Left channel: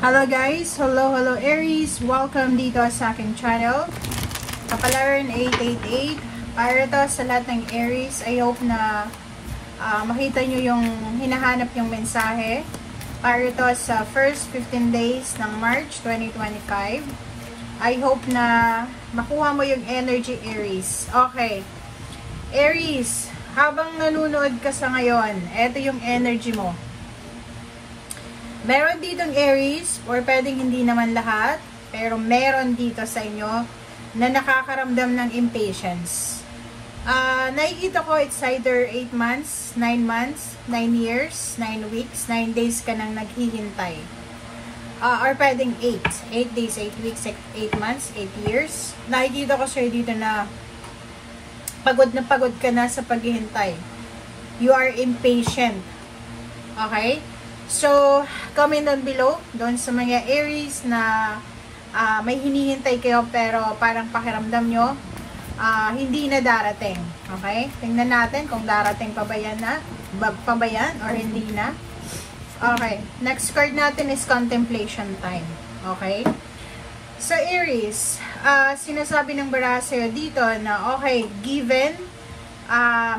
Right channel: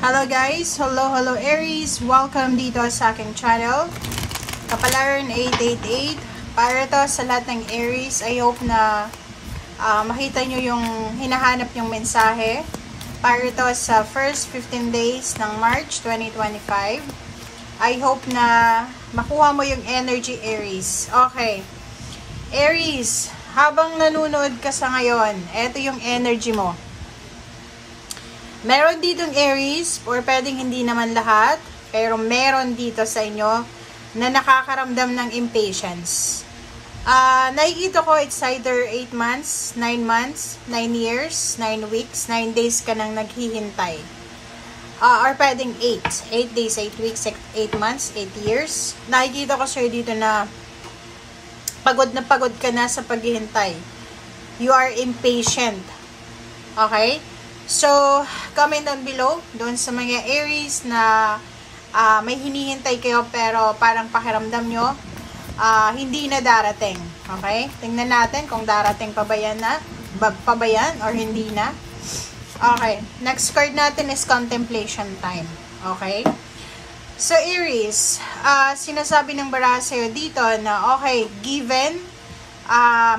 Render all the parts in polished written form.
Hello guys! Hello Aries! Welcome dito sa aking channel. Kapalaran 888. Para to sa lahat ng Aries, I hope na makita nyo yung hinahanap yung mensahe. Para to sa first 15 days ng March 2025. I hope na makuha mo yung energy, Aries. Okay. Aries, habang nanonood ka sa ngayon, eto yung energy mo. Meron ditong Aries, or pwedeng hindi naman lahat, pero meron dito sa inyo na nakakaramdam ng impatience. Nakikita ko it's either 8 months, 9 months, 9 years, 9 weeks, 9 days ka nang naghihintay. Or pwedeng 8 days, 8 weeks, 8 months, 8 years. Nakikita ko sir dito na pagod ka na sa paghihintay. You are impatient. Okay? So, comment down below, doon sa mga Aries na may hinihintay kayo pero parang pakiramdam nyo, hindi na darating. Okay? Tingnan natin kung darating pa ba yan or hindi na. Okay. Next card natin is contemplation time. Okay? So, Aries, sinasabi ng baraha sa'yo dito na okay, given,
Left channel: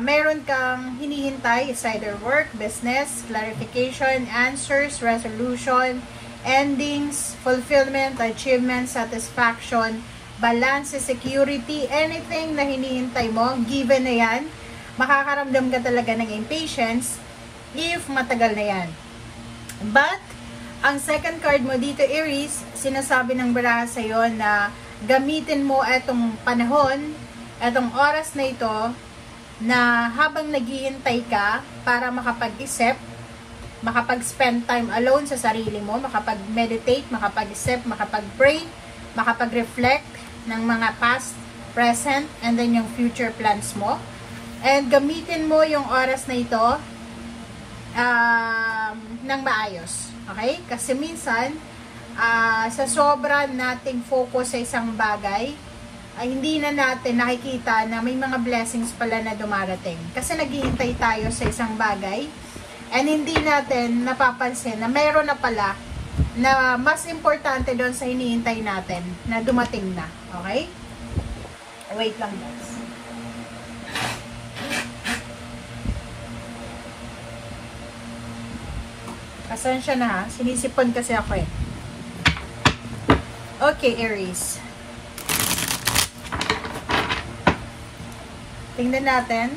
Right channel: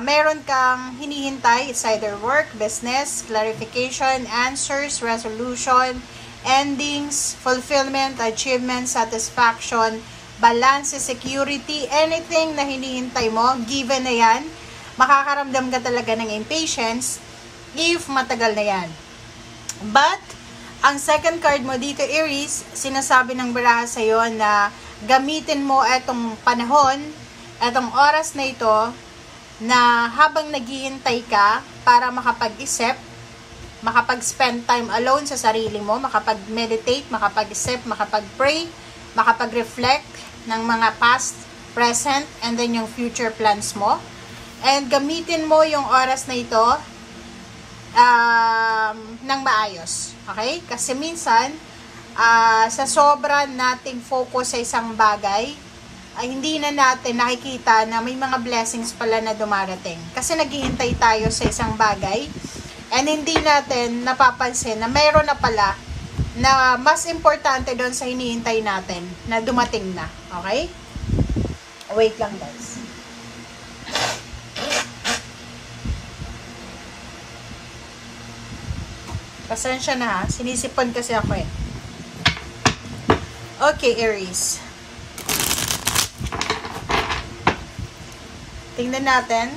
meron kang hinihintay, it's either work, business, clarification, answers, resolution, endings, fulfillment, achievement, satisfaction, balance, security, anything na hinihintay mo, given na yan, makakaramdam ka talaga ng impatience if matagal na yan. But, ang second card mo dito, Aries, sinasabi ng baraha sa'yo na gamitin mo etong panahon, etong oras na ito, na habang naghihintay ka para makapag-isip, makapag-spend time alone sa sarili mo, makapag-meditate, makapag-isip, makapag-pray, makapag-reflect ng mga past, present, and then yung future plans mo. And gamitin mo yung oras na ito ng maayos. Okay? Kasi minsan, sa sobra nating focus sa isang bagay, ay hindi na natin nakikita na may mga blessings pala na dumarating. Kasi naghihintay tayo sa isang bagay and hindi natin napapansin na mayroon na pala na mas importante doon sa hinihintay natin na dumating na. Okay? Wait lang guys. Pasensya na ha. Sinisipon kasi ako eh. Okay, Aries. Tingnan natin.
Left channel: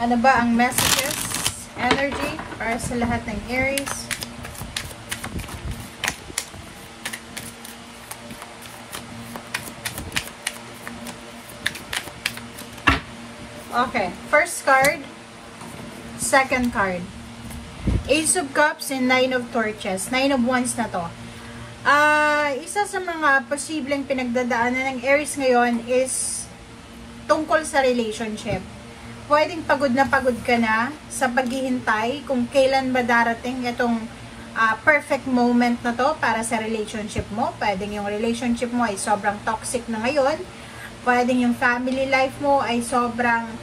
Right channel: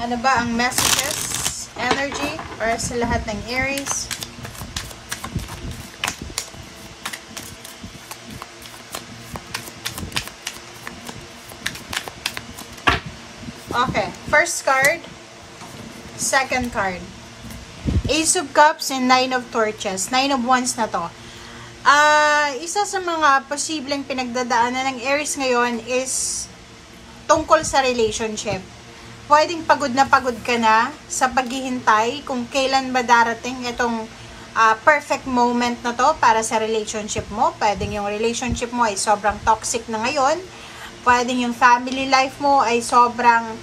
Ano ba ang messages, energy, para sa lahat ng Aries? Okay. First card. Second card. Ace of Cups and Nine of Torches. Nine of Wands na to. Isa sa mga posibleng pinagdadaanan ng Aries ngayon is tungkol sa relationship. Pwedeng pagod ka na sa paghihintay kung kailan ba darating itong perfect moment na to para sa relationship mo. Pwedeng yung relationship mo ay sobrang toxic na ngayon. Pwedeng yung family life mo ay sobrang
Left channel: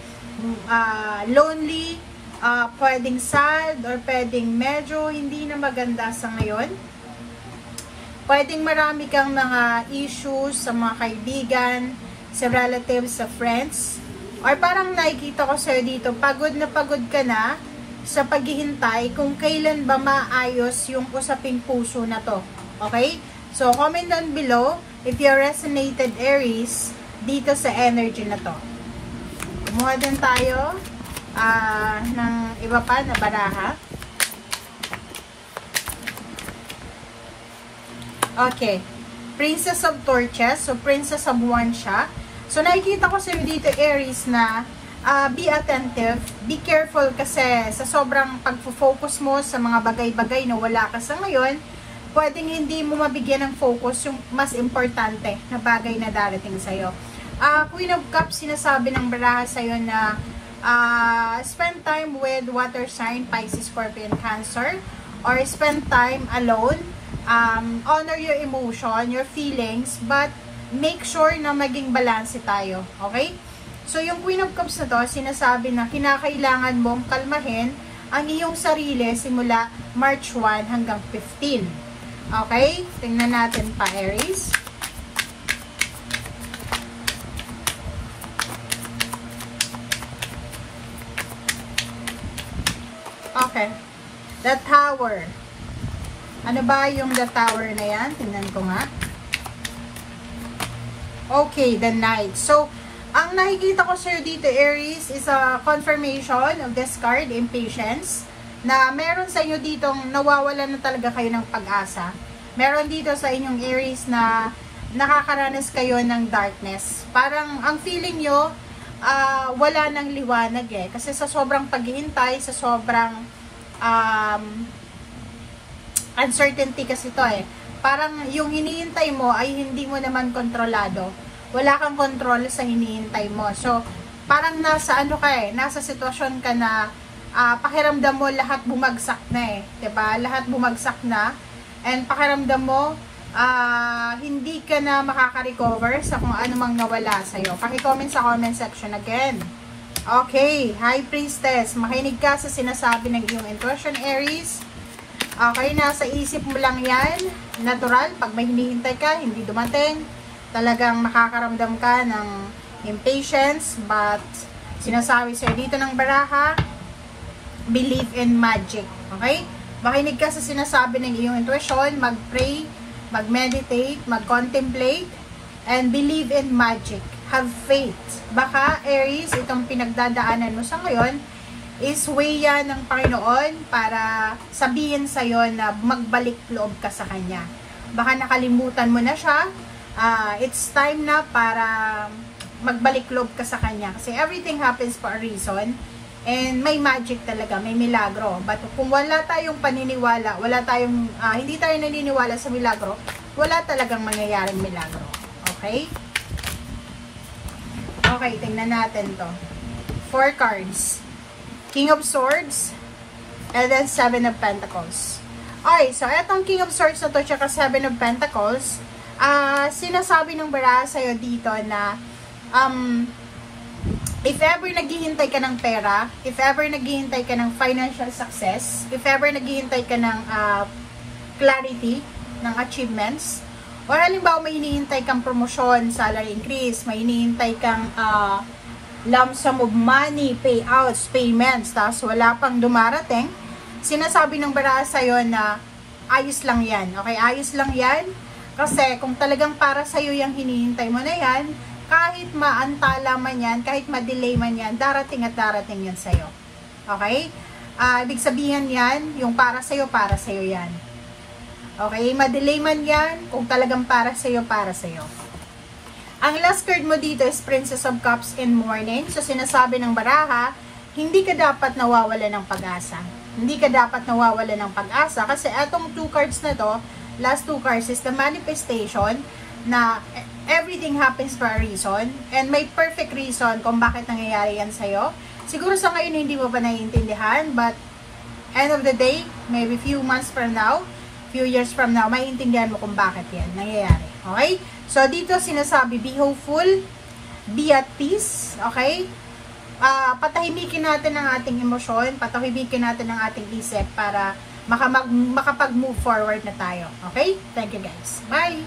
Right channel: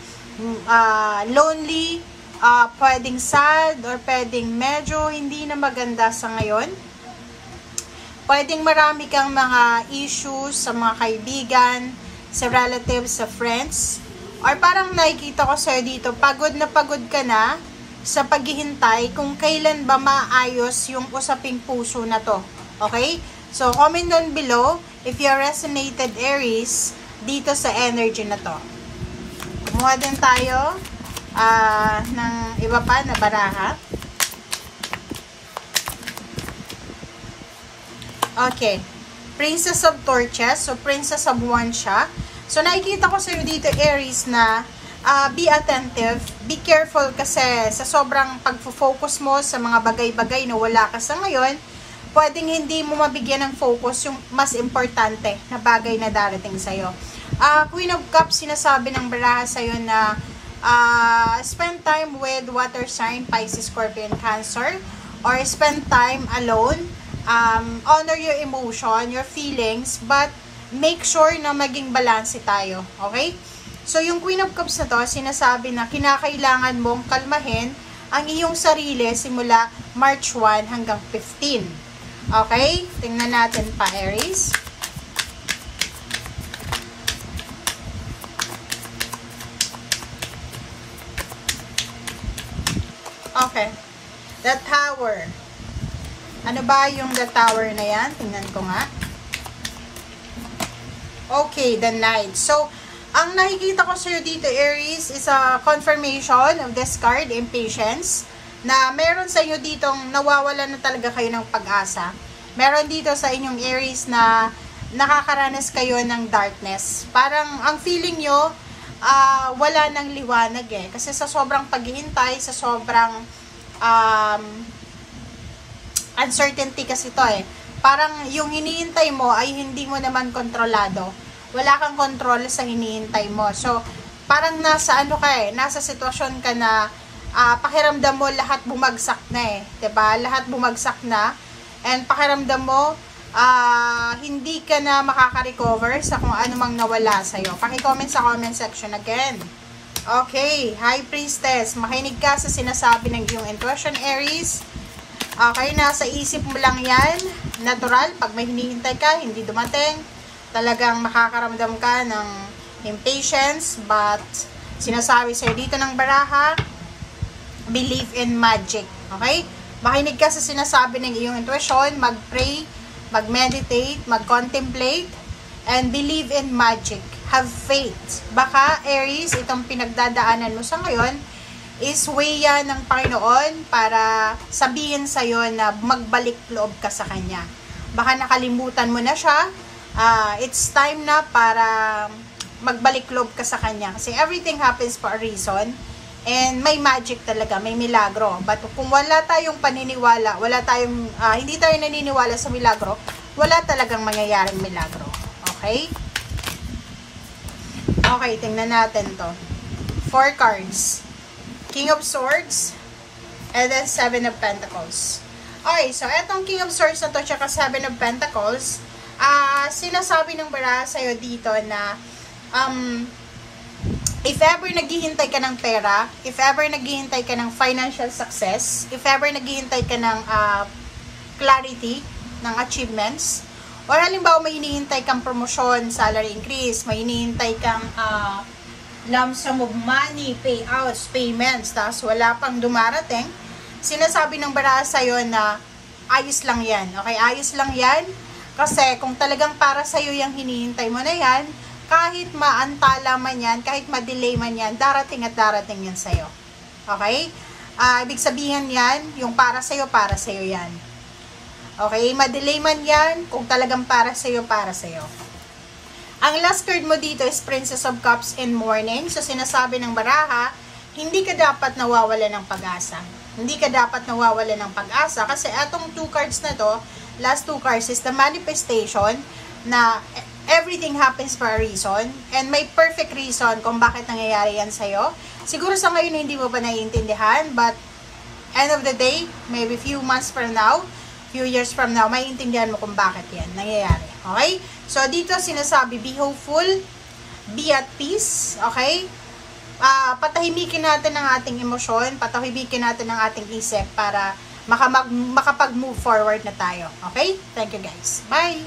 lonely. Pwedeng sad or pwedeng medyo hindi na maganda sa ngayon. Pwedeng marami kang mga issues sa mga kaibigan, sa relatives, sa friends. Or parang nakikita ko sa'yo dito, pagod ka na sa paghihintay kung kailan ba maayos yung usaping puso na to. Okay? So, comment down below if you resonated Aries dito sa energy na to. Kumuha din tayo ng iba pa na baraha. Okay. Princess of Torches. So, Princess of Wands siya. So, nakikita ko sa'yo dito, Aries, na be attentive. Be careful kasi sa sobrang pag-focus mo sa mga bagay-bagay na wala ka sa ngayon, pwedeng hindi mo mabigyan ng focus yung mas importante na bagay na darating sa'yo. Queen of Cups, sinasabi ng baraha sa'yo na spend time with water sign, Pisces, Scorpion, Cancer, or spend time alone. Honor your emotion, your feelings, but make sure na maging balanse tayo. Okay? So, yung Queen of Cups na to, sinasabi na kinakailangan mong kalmahin ang iyong sarili simula March 1 hanggang 15. Okay? Tingnan natin pa, Aries. Okay. The Tower. Ano ba yung The Tower na yan? Tingnan ko nga. Okay, the Knight. So, ang nakikita ko sa'yo dito, Aries, is a confirmation of this card, Impatience, na meron sa inyo ditong nawawalan na talaga kayo ng pag-asa. Meron dito sa inyong Aries na nakakaranas kayo ng darkness. Parang ang feeling nyo, wala ng liwanag eh. Kasi sa sobrang paghihintay, sa sobrang uncertainty kasi to eh. Parang yung hinihintay mo ay hindi mo naman kontrolado. Wala kang control sa hinihintay mo. So, parang nasa ano ka eh, nasa sitwasyon ka na pakiramdam mo lahat bumagsak na eh. 'Di ba? Lahat bumagsak na. And pakiramdam mo hindi ka na makaka-recover sa kung ano mang nawala sa'yo. Paki-comment sa comment section again. Okay, High Priestess, makinig ka sa sinasabi ng iyong intuition, Aries. Okay, nasa isip mo lang yan. Natural, pag may hinihintay ka, hindi dumating. Talagang makakaramdam ka ng impatience. But, sinasabi sa'yo dito ng baraha, believe in magic. Okay? Makinig ka sa sinasabi ng iyong intuition, mag-pray, mag-meditate, mag-contemplate, and believe in magic. Have faith. Baka, Aries, itong pinagdadaanan mo sa ngayon, is way yan ng Panginoon para sabihin sa'yo na magbalik loob ka sa Kanya. Baka nakalimutan mo na siya, it's time na para magbalik loob ka sa Kanya. Kasi everything happens for a reason, and may magic talaga, may milagro. But kung wala tayong paniniwala, hindi tayo naniniwala sa milagro, wala talagang mangyayaring milagro. Okay? Okay, tingnan natin to. 4 cards. King of Swords, and then 7 of Pentacles. Okay, so etong King of Swords na to, tsaka 7 of Pentacles, sinasabi ng baraha sa'yo dito na, if ever naghihintay ka ng pera, if ever naghihintay ka ng financial success, if ever naghihintay ka ng clarity, ng achievements, or halimbawa may hinihintay kang promotion, salary increase, may hinihintay kang lump sum of money, payouts, payments, tapos wala pang dumarating, sinasabi ng baraha sa'yo na ayos lang yan. Okay, ayos lang yan. Kasi kung talagang para sa'yo yung hinihintay mo na yan, kahit maantala man yan, kahit ma-delay man yan, darating at darating yan sa'yo. Okay? Ibig sabihin yan, yung para sa'yo yan. Okay? Ma-delay man yan, kung talagang para sa'yo, para sa'yo. Ang last card mo dito is Princess of Cups in Mourning. So, sinasabi ng baraha, hindi ka dapat nawawala ng pag-asa. Hindi ka dapat nawawala ng pag-asa. Kasi etong 2 cards na to, last 2 cards is the manifestation na everything happens for a reason. And may perfect reason kung bakit nangyayari yan sa'yo. Siguro sa ngayon hindi mo pa naiintindihan. But, end of the day, maybe few months from now, few years from now, maiintindihan mo kung bakit yan nangyayari. Okay? So, dito sinasabi, be hopeful, be at peace, okay? Patahimikin natin ang ating emosyon, patahimikin natin ang ating isip para makapag-move forward na tayo. Okay? Thank you guys. Bye!